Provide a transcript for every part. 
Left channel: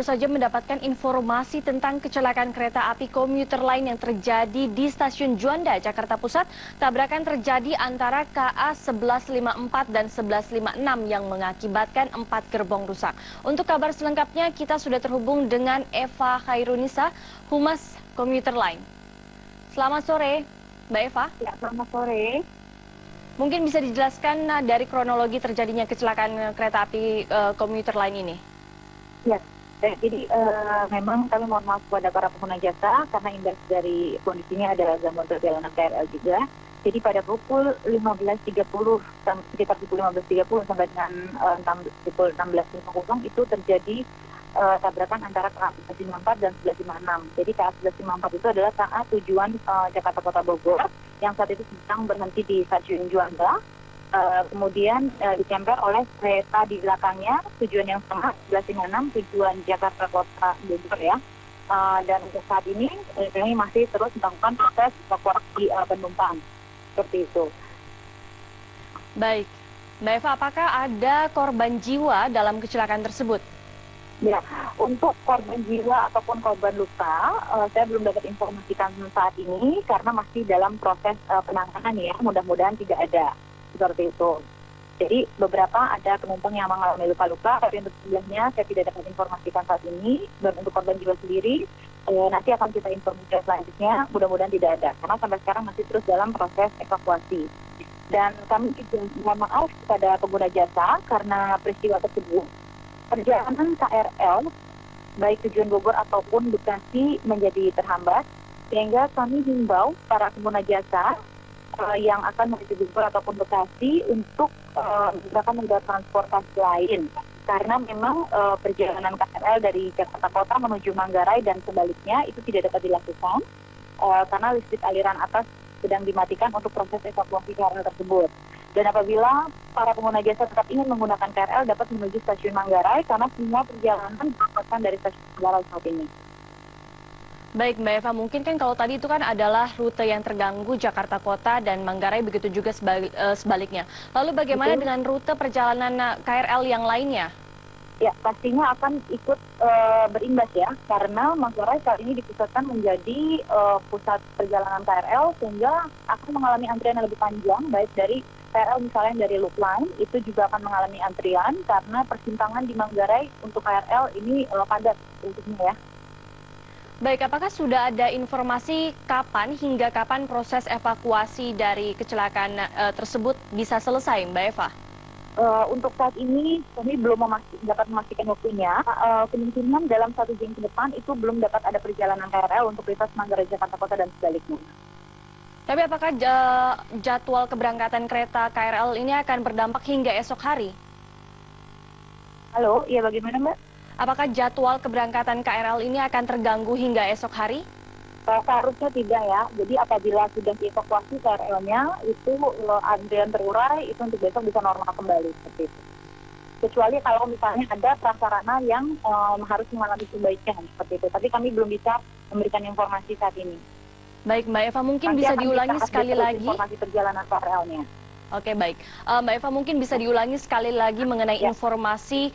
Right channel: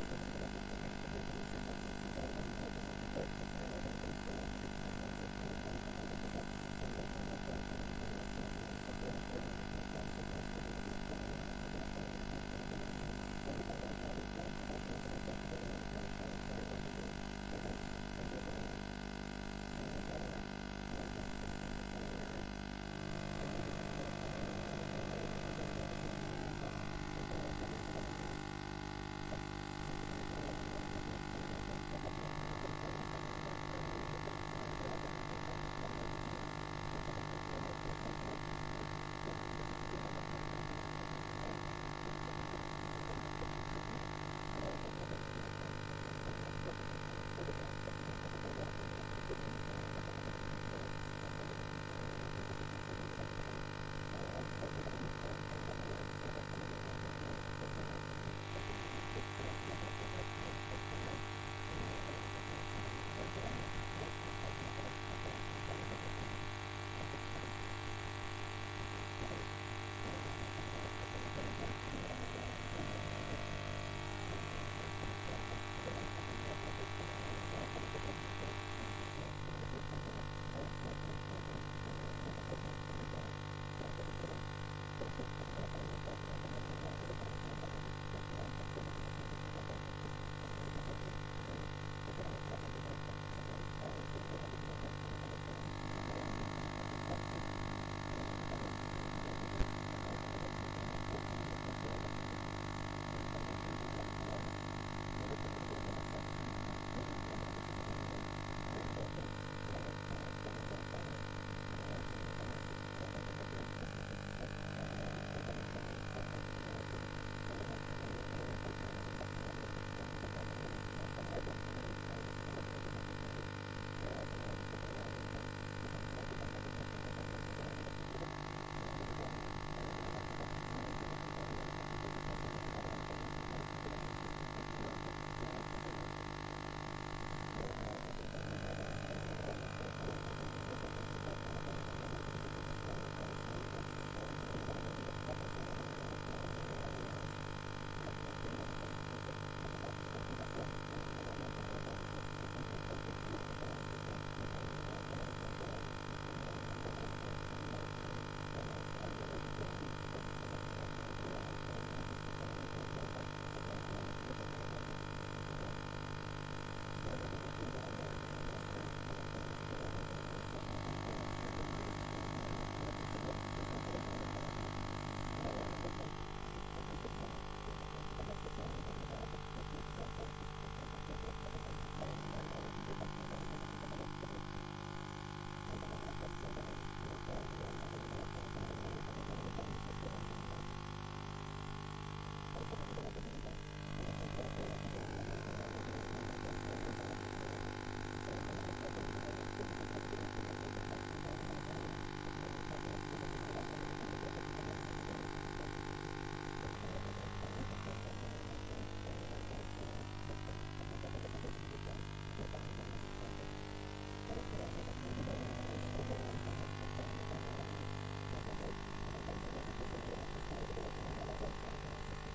baru saja mendapatkan informasi tentang kecelakaan kereta api komuter lain yang terjadi di Stasiun Juanda, Jakarta Pusat. Tabrakan terjadi antara KA 1154 dan 1156 yang mengakibatkan 4 gerbong rusak. Untuk kabar selengkapnya, kita sudah terhubung dengan Eva Khairunisa, Humas Komuter Line. Selamat sore, Mbak Eva. Ya, selamat sore. Mungkin bisa dijelaskan dari kronologi terjadinya kecelakaan kereta api komuter lain ini? Ya, jadi memang kami mohon maaf kepada para pengguna jasa karena imbas dari kondisinya ada gangguan perjalanan KRL juga. Jadi pada pukul 15.30 sekitar pukul 15.30 sampai dengan pukul 16.50 itu terjadi tabrakan antara KA 1154 dan 1156. Jadi KA 1154 itu adalah KA tujuan Jakarta Kota Bogor yang saat itu sedang berhenti di Stasiun Juanda. Kemudian dicemper oleh kereta di belakangnya tujuan yang sama 1156 tujuan Jakarta Kota Bogor ya. Dan untuk saat ini kami masih terus melakukan proses evakuasi penumpang seperti itu. Baik, Mbak Eva, apakah ada korban jiwa dalam kecelakaan tersebut? Ya, untuk korban jiwa ataupun korban luka, saya belum dapat informasikan saat ini karena masih dalam proses penanganan ya. Mudah-mudahan tidak ada seperti itu. Jadi beberapa ada penumpang yang mengalami luka-luka, tapi untuk jumlahnya saya tidak dapat informasikan saat ini. Dan untuk korban jiwa sendiri, nanti akan kita informasikan selanjutnya. Mudah-mudahan tidak ada, karena sampai sekarang masih terus dalam proses evakuasi. Dan kami juga mohon maaf kepada pengguna jasa karena peristiwa tersebut. Perjalanan KRL, baik tujuan Bogor ataupun Bekasi menjadi terhambat, sehingga kami himbau para pengguna jasa yang akan menuju Bogor ataupun Bekasi untuk menggunakan moda transportasi lain. Karena memang perjalanan KRL dari Jakarta Kota menuju Manggarai dan sebaliknya itu tidak dapat dilakukan karena listrik aliran atas sedang dimatikan untuk proses evakuasi KRL tersebut. Dan apabila para pengguna jasa tetap ingin menggunakan KRL dapat menuju stasiun Manggarai karena semua perjalanan dilakukan dari stasiun Manggarai saat ini. Baik Mbak Eva, mungkin kan kalau tadi itu kan adalah rute yang terganggu Jakarta Kota dan Manggarai, begitu juga sebaliknya. Lalu bagaimana dengan rute perjalanan KRL yang lainnya? Ya, pastinya akan ikut berimbas ya, karena Manggarai saat ini dipusatkan menjadi pusat perjalanan KRL sehingga akan mengalami antrian yang lebih panjang, baik dari KRL misalnya dari Loop Line, itu juga akan mengalami antrian karena persimpangan di Manggarai untuk KRL ini padat bentuknya ya. Baik, apakah sudah ada informasi hingga kapan proses evakuasi dari kecelakaan tersebut bisa selesai, Mbak Eva? Untuk saat ini kami belum dapat memastikan waktunya. Kemungkinan dalam 1 jam ke depan itu belum dapat ada perjalanan KRL untuk lintas Manggarai Jakarta Kota dan sebaliknya. Tapi apakah jadwal keberangkatan kereta KRL ini akan berdampak hingga esok hari? Halo, iya bagaimana Mbak? Apakah jadwal keberangkatan KRL ini akan terganggu hingga esok hari? Seharusnya tidak ya. Jadi apabila sudah dievakuasi KRL-nya, itu antrian terurai, itu untuk besok bisa normal kembali seperti itu. Kecuali kalau misalnya ada prasarana yang harus mengalami perbaikan seperti itu. Tapi kami belum bisa memberikan informasi saat ini. Baik Mbak Eva, mungkin nanti bisa diulangi sekali lagi informasi perjalanan KRL-nya. Oke, baik. Mbak Eva, mungkin bisa diulangi sekali lagi mengenai informasi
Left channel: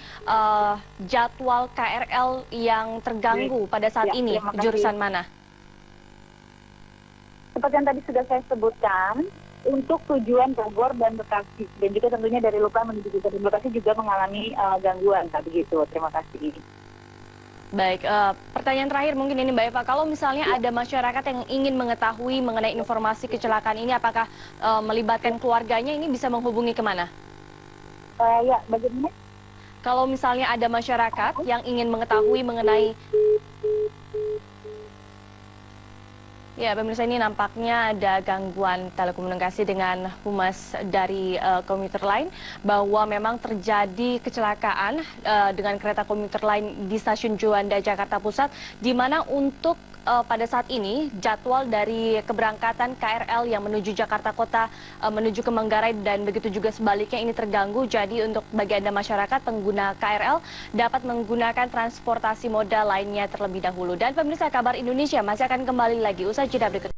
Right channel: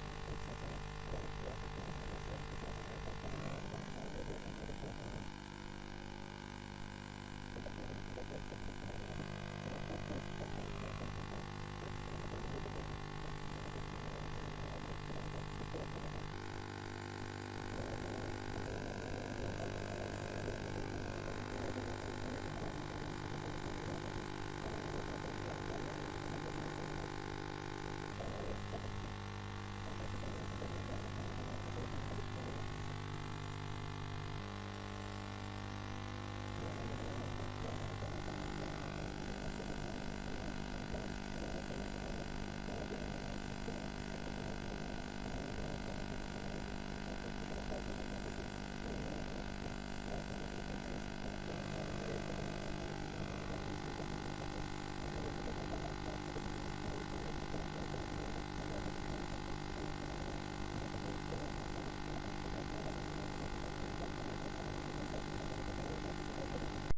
jadwal KRL yang terganggu pada saat ini, jurusan mana? Seperti yang tadi sudah saya sebutkan, untuk tujuan Bogor dan Bekasi, dan juga tentunya dari Luka menuju Bekasi juga mengalami gangguan, begitu. Terima kasih. Baik, pertanyaan terakhir mungkin ini Mbak Eva, kalau misalnya ada masyarakat yang ingin mengetahui mengenai informasi kecelakaan ini, apakah melibatkan keluarganya, ini bisa menghubungi kemana? Ya, bagaimana? Kalau misalnya ada masyarakat yang ingin mengetahui mengenai... Ya, pemirsa, ini nampaknya ada gangguan telekomunikasi dengan humas dari komuter lain, bahwa memang terjadi kecelakaan dengan kereta komuter lain di Stasiun Juanda, Jakarta Pusat, di mana untuk pada saat ini jadwal dari keberangkatan KRL yang menuju Jakarta Kota menuju ke Manggarai dan begitu juga sebaliknya ini terganggu. Jadi untuk bagi Anda masyarakat pengguna KRL dapat menggunakan transportasi moda lainnya terlebih dahulu. Dan pemirsa, Kabar Indonesia masih akan kembali lagi usai jeda berikut.